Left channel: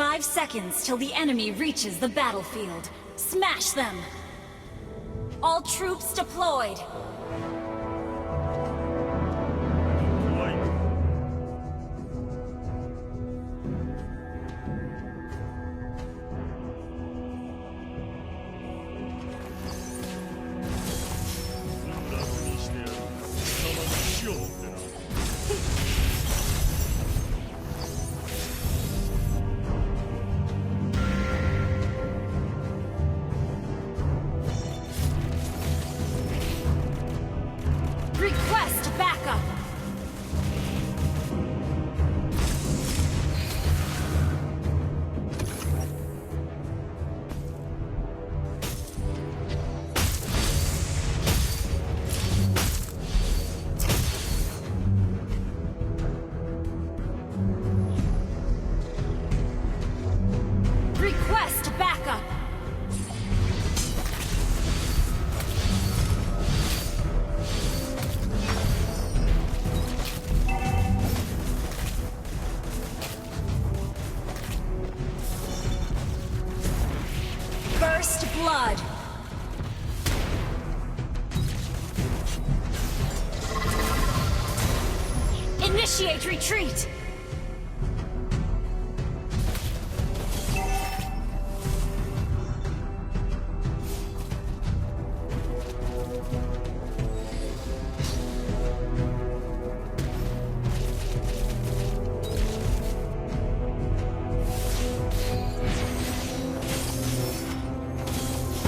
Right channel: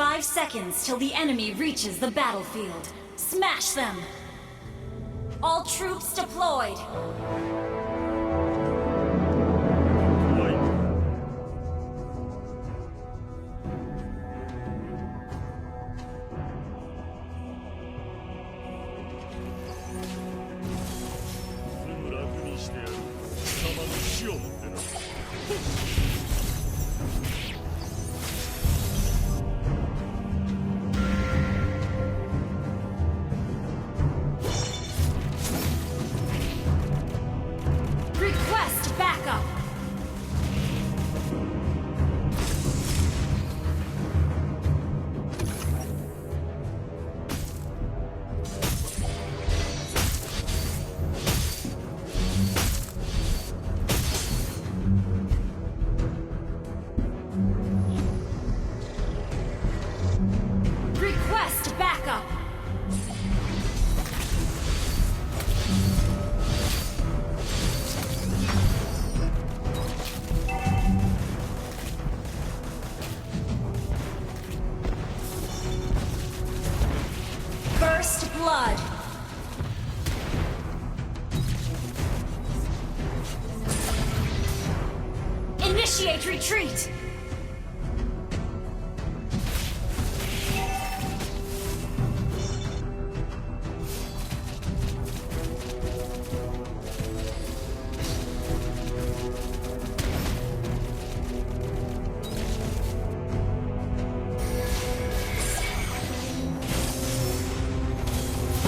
5 seconds till the enemy reaches the battlefield. Smash them! All troops deployed! 怖いな。すぐ楽にしてやる。貴様に死をもってな。Request backup! Request backup! First blood! Initiate retreat!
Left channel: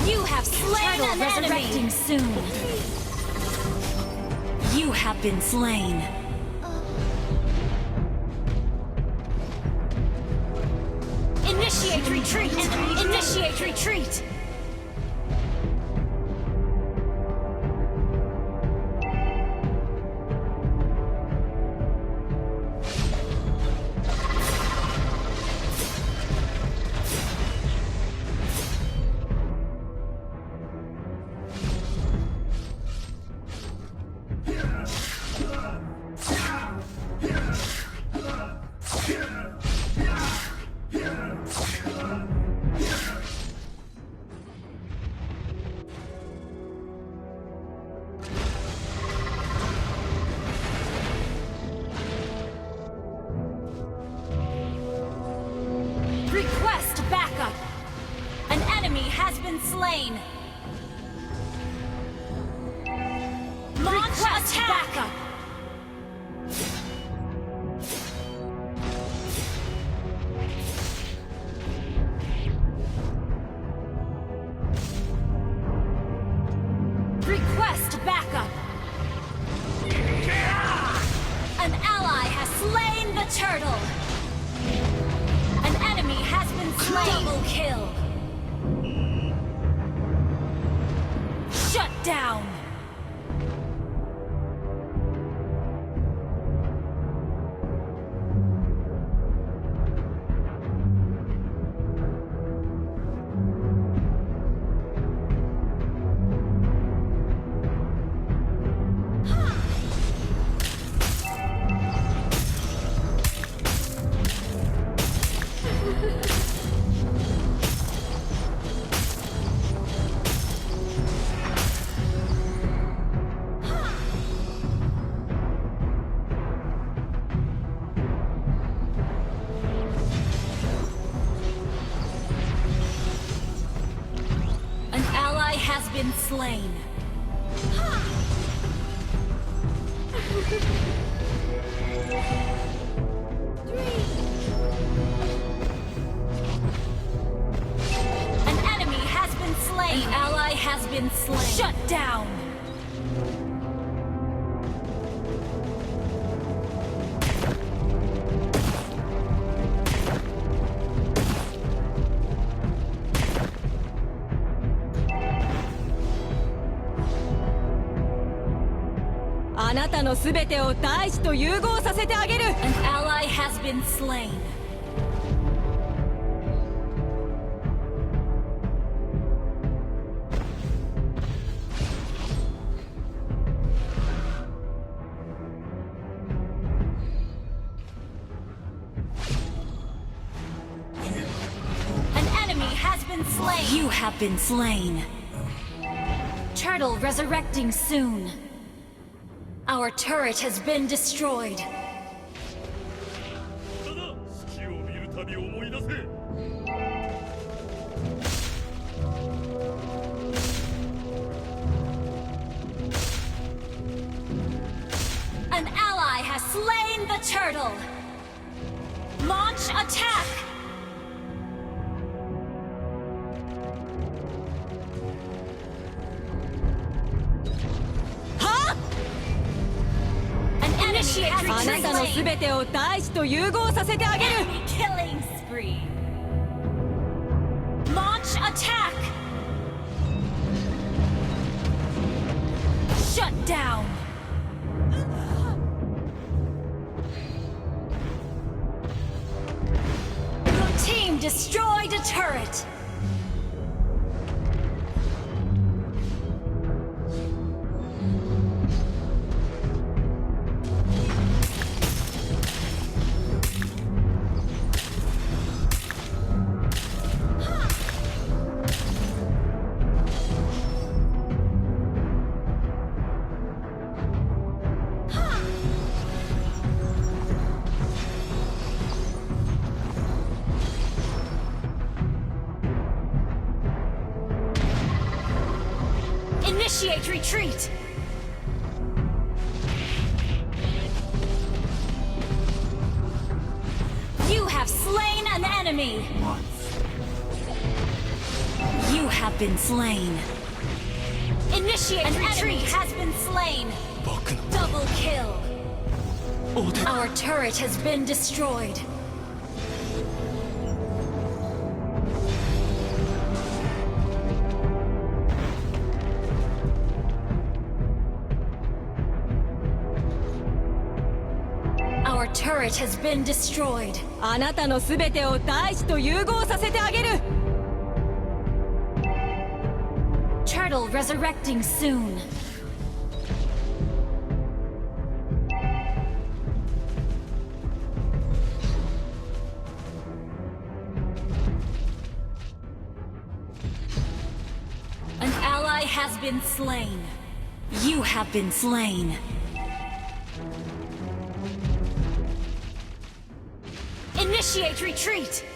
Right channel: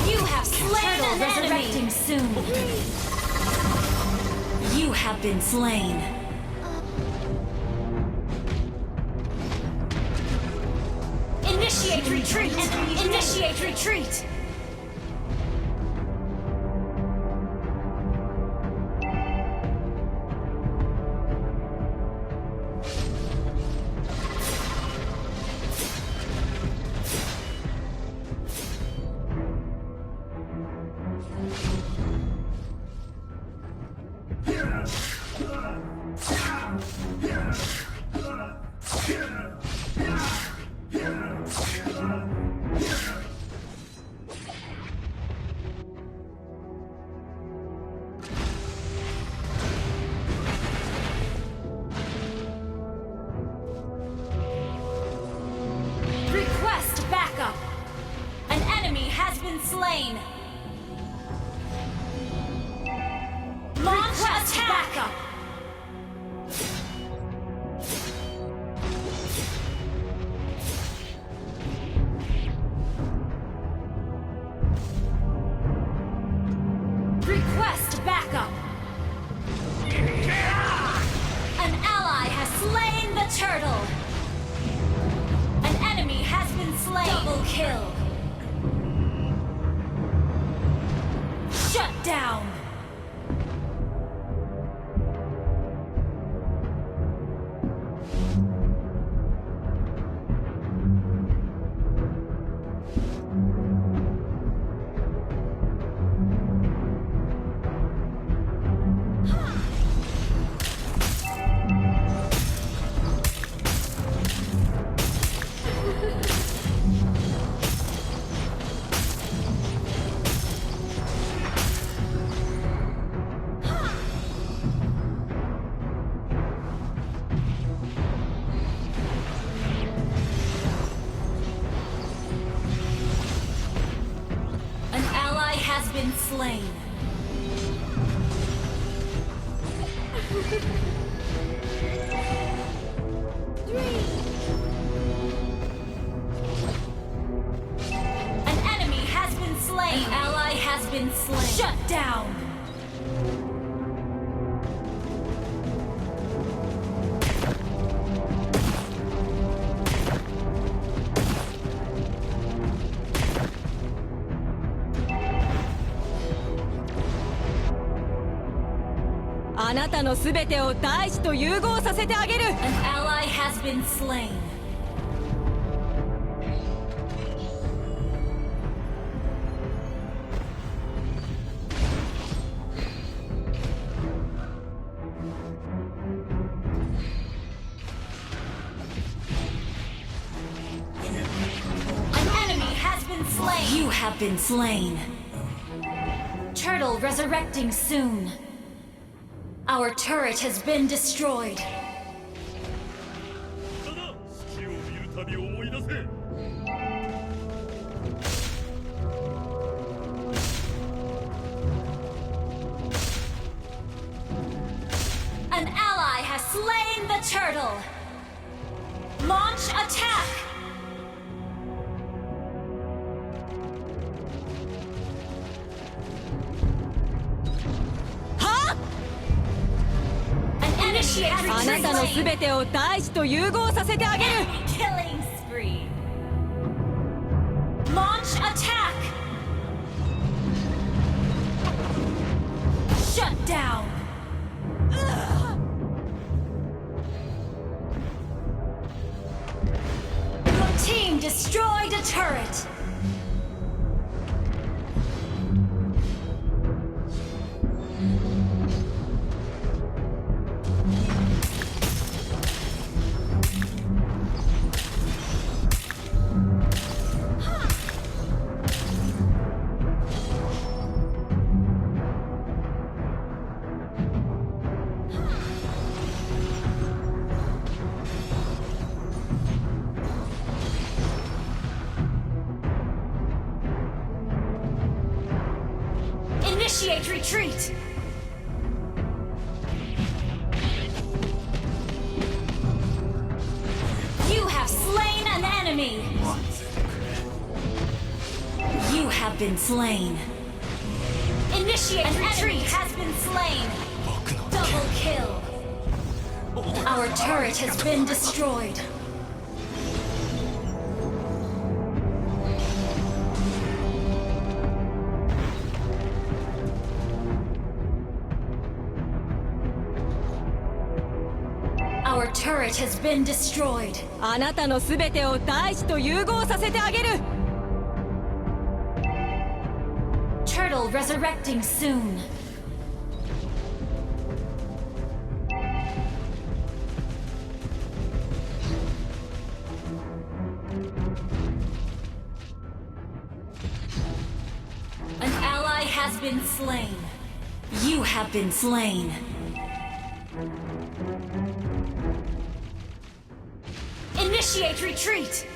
You have slain an resurrecting soon. You have been slain. Initiate retreat! Initiate retreat! Request backup! An enemy has been slain! Launch attack! Backup! Request backup! An ally has slain the turtle! An enemy has been slain! Double kill! Shut down! An ally has been slain. An enemy has been slain. An ally has been slain. Shut down. An ally has been slain. slain. You have been slain. Turtle resurrecting soon. Our turret has been destroyed. ただ月を見るたび思い出せ An ally has slain the turtle. Launch attack. Ha! An enemy has あなたの been 全てを大地と融合させてあげる Enemy killing spree. Launch attack. Shut down. Your team destroyed a turret. Initiate retreat! You have slain an enemy! You have been slain. Initiate retreat! Enemy has been slain! Double kill! Our turret has been destroyed. Our turret has been destroyed. あなたの全てを大地と融合させてあげる Turtle resurrecting soon. An ally has been slain. You have been slain. Initiate retreat!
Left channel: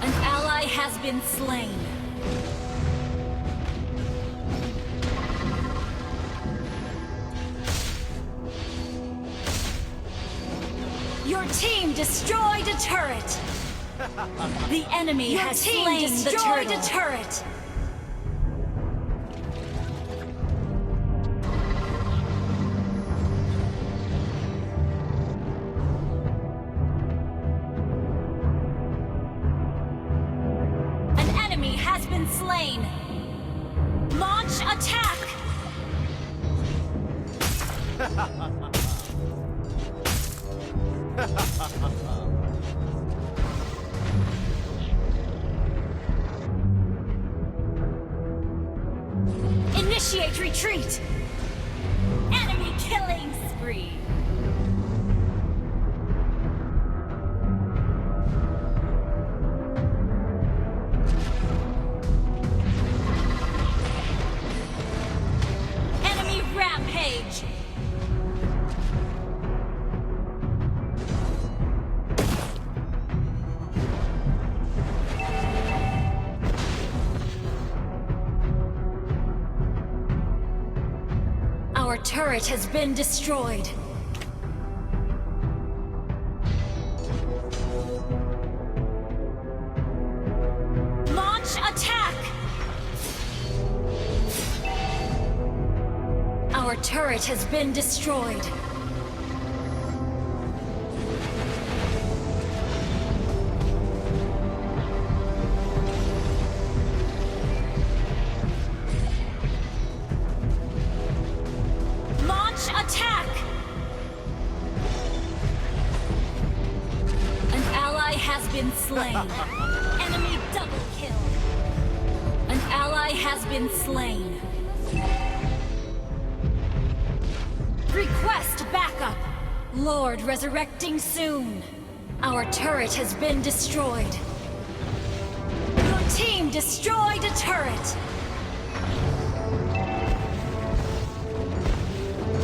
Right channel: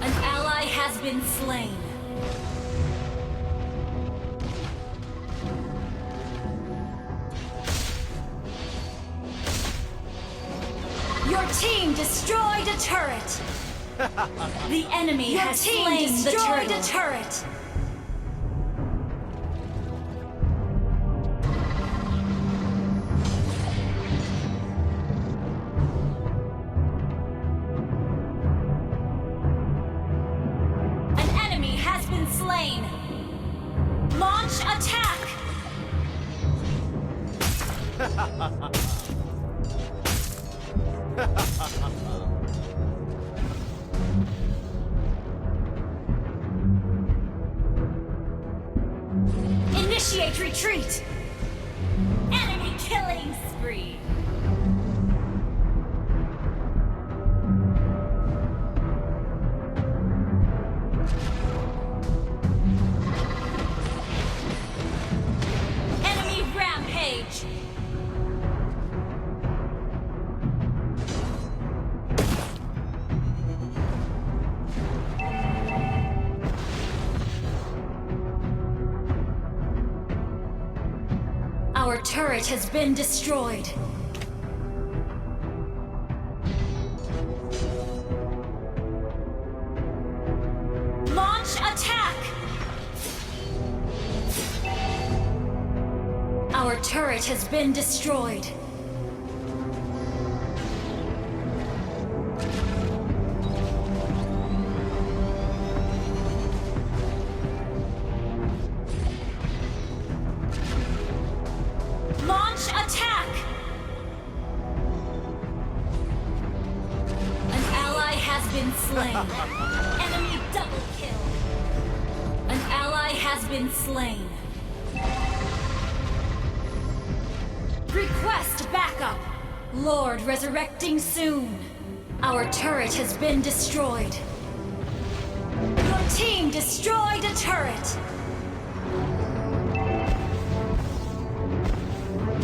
An ally has been slain. Your team destroyed a turret. The enemy has slain the turret. An enemy has been slain. Launch attack. Initiate retreat! Enemy killing spree! Enemy rampage! Our turret has been destroyed. Launch attack! Our turret has been destroyed. Launch attack! An ally has been slain. Enemy double kill. An ally has been slain. Request backup. Lord resurrecting soon. Our turret has been destroyed. Your team destroyed a turret.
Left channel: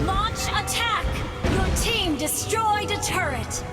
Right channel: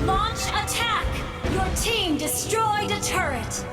Launch attack! Your team destroyed a turret.